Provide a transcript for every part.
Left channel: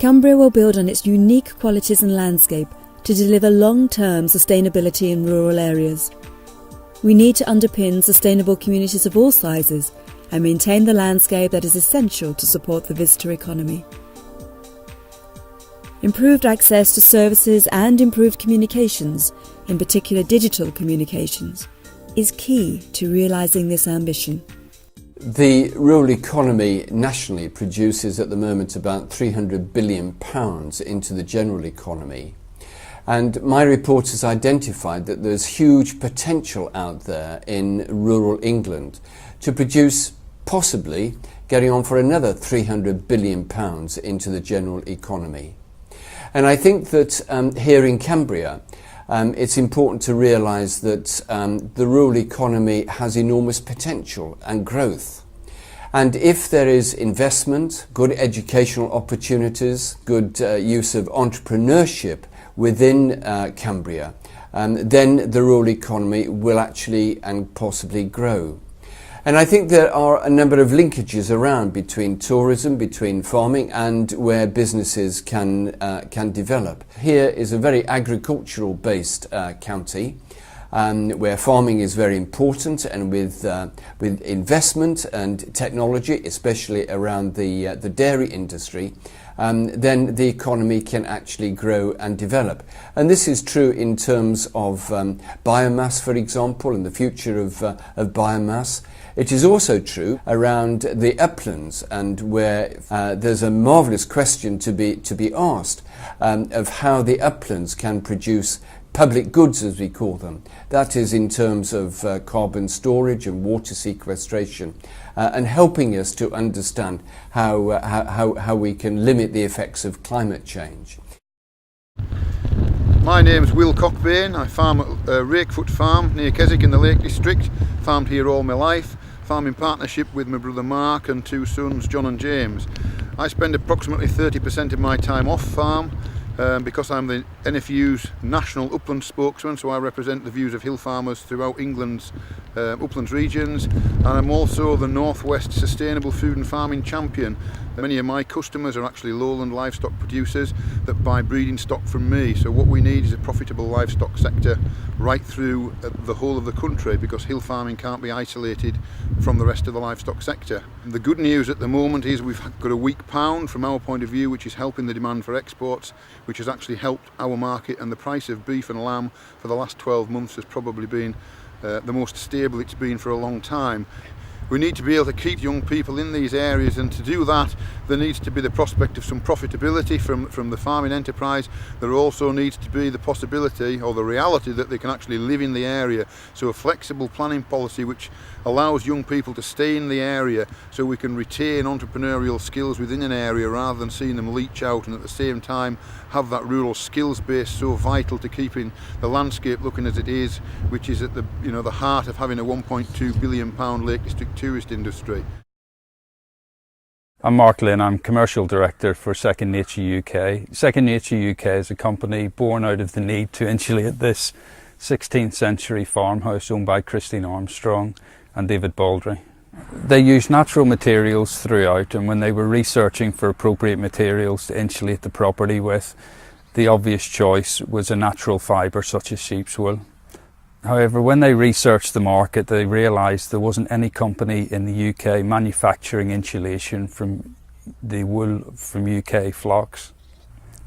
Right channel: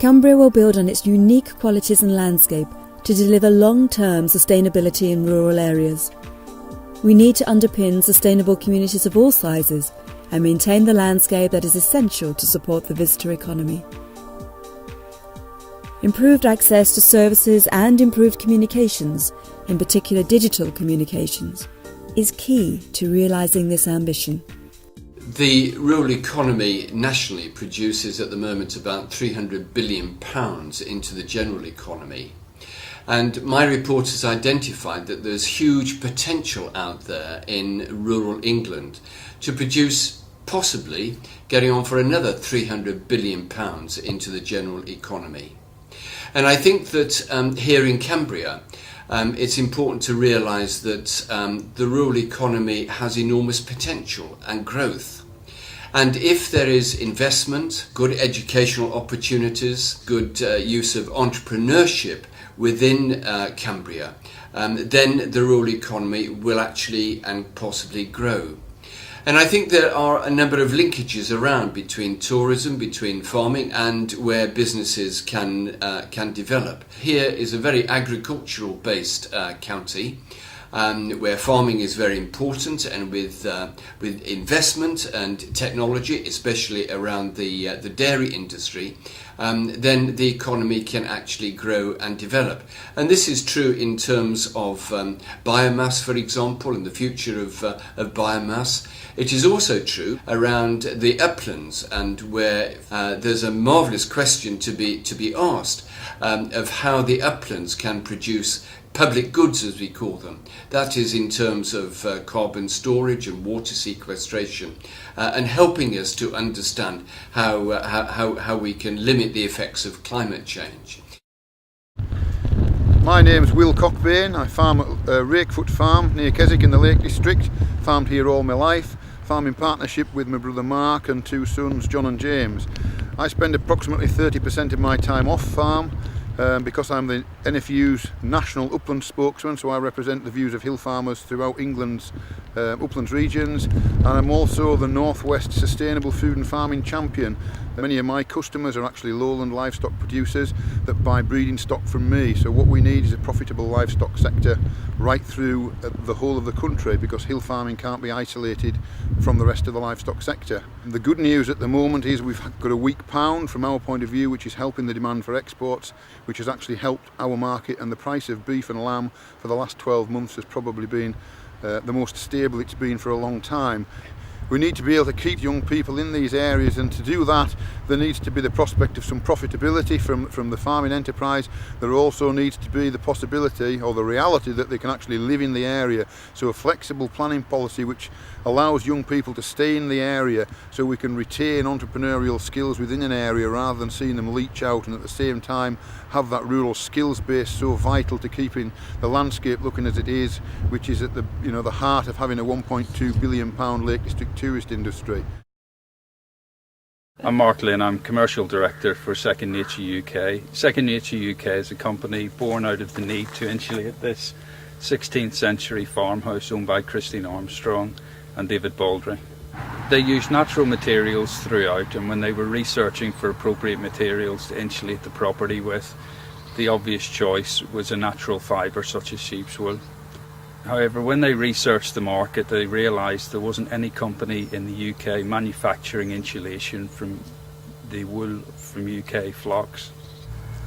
Cumbria will build on its unique qualities and landscape to deliver long-term sustainability in rural areas. We need to underpin sustainable communities of all sizes and maintain the landscape that is essential to support the visitor economy. Improved access to services and improved communications, in particular digital communications, is key to realising this ambition. The rural economy nationally produces at the moment about £300 billion into the general economy. And my report has identified that there's huge potential out there in rural England to produce possibly getting on for another £300 billion into the general economy. And I think that here in Cumbria, it's important to realise that the rural economy has enormous potential and growth. And if there is investment, good educational opportunities, good use of entrepreneurship within Cumbria, then the rural economy will actually and possibly grow. And I think there are a number of linkages around between tourism, between farming, and where businesses can develop. Here is a very agricultural based county, where farming is very important, and with investment and technology, especially around the dairy industry, then the economy can actually grow and develop. And this is true in terms of biomass, for example, and the future of biomass. It is also true around the uplands, and where there's a marvellous question to be asked of how the uplands can produce public goods, as we call them. That is in terms of carbon storage and water sequestration, and helping us to understand how we can limit the effects of climate change. My name's Will Cockbain. I farm at Rakefoot Farm near Keswick in the Lake District. Farmed here all my life. Farm in partnership with my brother Mark and two sons, John and James. I spend approximately 30% of my time off farm because I'm the NFU's national upland spokesman, so I represent the views of hill farmers throughout England's uplands regions, and I'm also the Northwest Sustainable Food and Farming Champion. Many of my customers are actually lowland livestock producers that buy breeding stock from me, so what we need is a profitable livestock sector right through the whole of the country, because hill farming can't be isolated from the rest of the livestock sector. The good news at the moment is we've got a weak pound from our point of view, which is helping the demand for exports, which has actually helped our market, and the price of beef and lamb for the last 12 months has probably been the most stable it's been for a long time. We need to be able to keep young people in these areas, and to do that there needs to be the prospect of some profitability from the farming enterprise. There also needs to be the possibility or the reality that they can actually live in the area, so a flexible planning policy which allows young people to stay in the area so we can retain entrepreneurial skills within an area rather than seeing them leach out, and at the same time have that rural skills base so vital to keeping the landscape looking as it is, which is at the heart of having a £1.2 billion Lake District tourist industry. I'm Mark Lynn, I'm Commercial Director for Second Nature UK. Second Nature UK is a company born out of the need to insulate this 16th century farmhouse owned by Christine Armstrong and David Baldry. They used natural materials throughout, and when they were researching for appropriate materials to insulate the property with, the obvious choice was a natural fibre such as sheep's wool. However, when they researched the market, they realised there wasn't any company in the UK manufacturing insulation from the wool from UK flocks.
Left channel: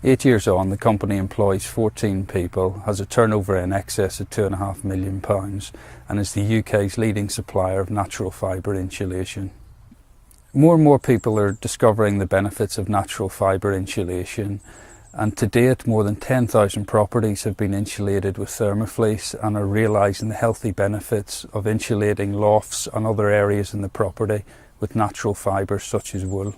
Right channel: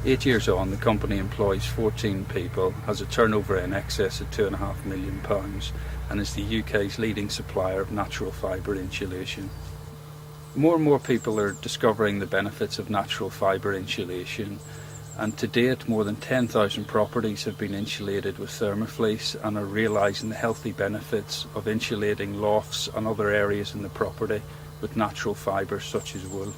8 years on, the company employs 14 people, has a turnover in excess of £2.5 million, and is the UK's leading supplier of natural fibre insulation. More and more people are discovering the benefits of natural fibre insulation, and to date more than 10,000 properties have been insulated with thermofleece and are realising the healthy benefits of insulating lofts and other areas in the property with natural fibres such as wool.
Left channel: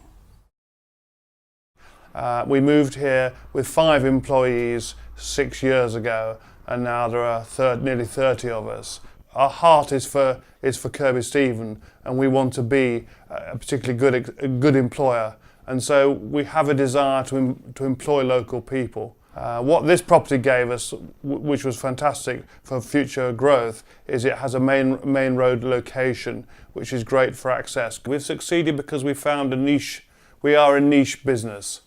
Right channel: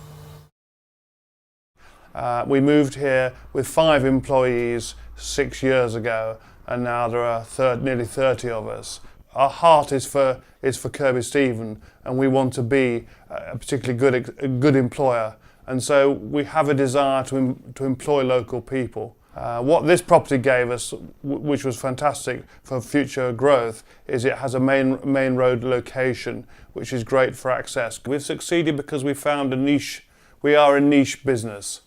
We moved here with 5 employees 6 years ago, and now there are nearly 30 of us. Our heart is for Kirby Stephen, and we want to be a particularly good employer. And so we have a desire to employ local people. What this property gave us, which was fantastic for future growth, is it has a main road location, which is great for access. We've succeeded because we found a niche. We are a niche business.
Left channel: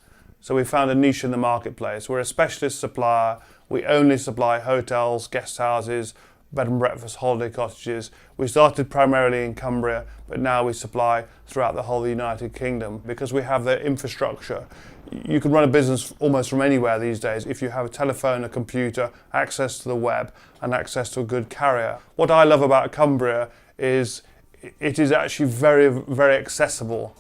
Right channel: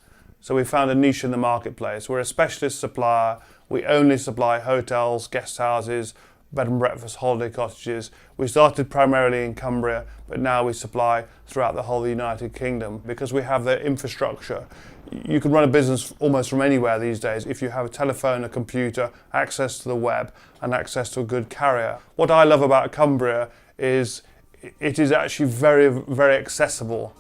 So we found a niche in the marketplace. We're a specialist supplier. We only supply hotels, guest houses, bed and breakfast, holiday cottages. We started primarily in Cumbria, but now we supply throughout the whole of the United Kingdom because we have the infrastructure. You can run a business almost from anywhere these days if you have a telephone, a computer, access to the web and access to a good carrier. What I love about Cumbria is it is actually very, very accessible.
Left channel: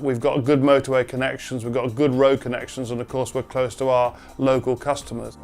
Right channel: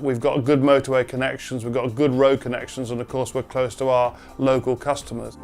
We've got good motorway connections, we've got good road connections, and of course we're close to our local customers.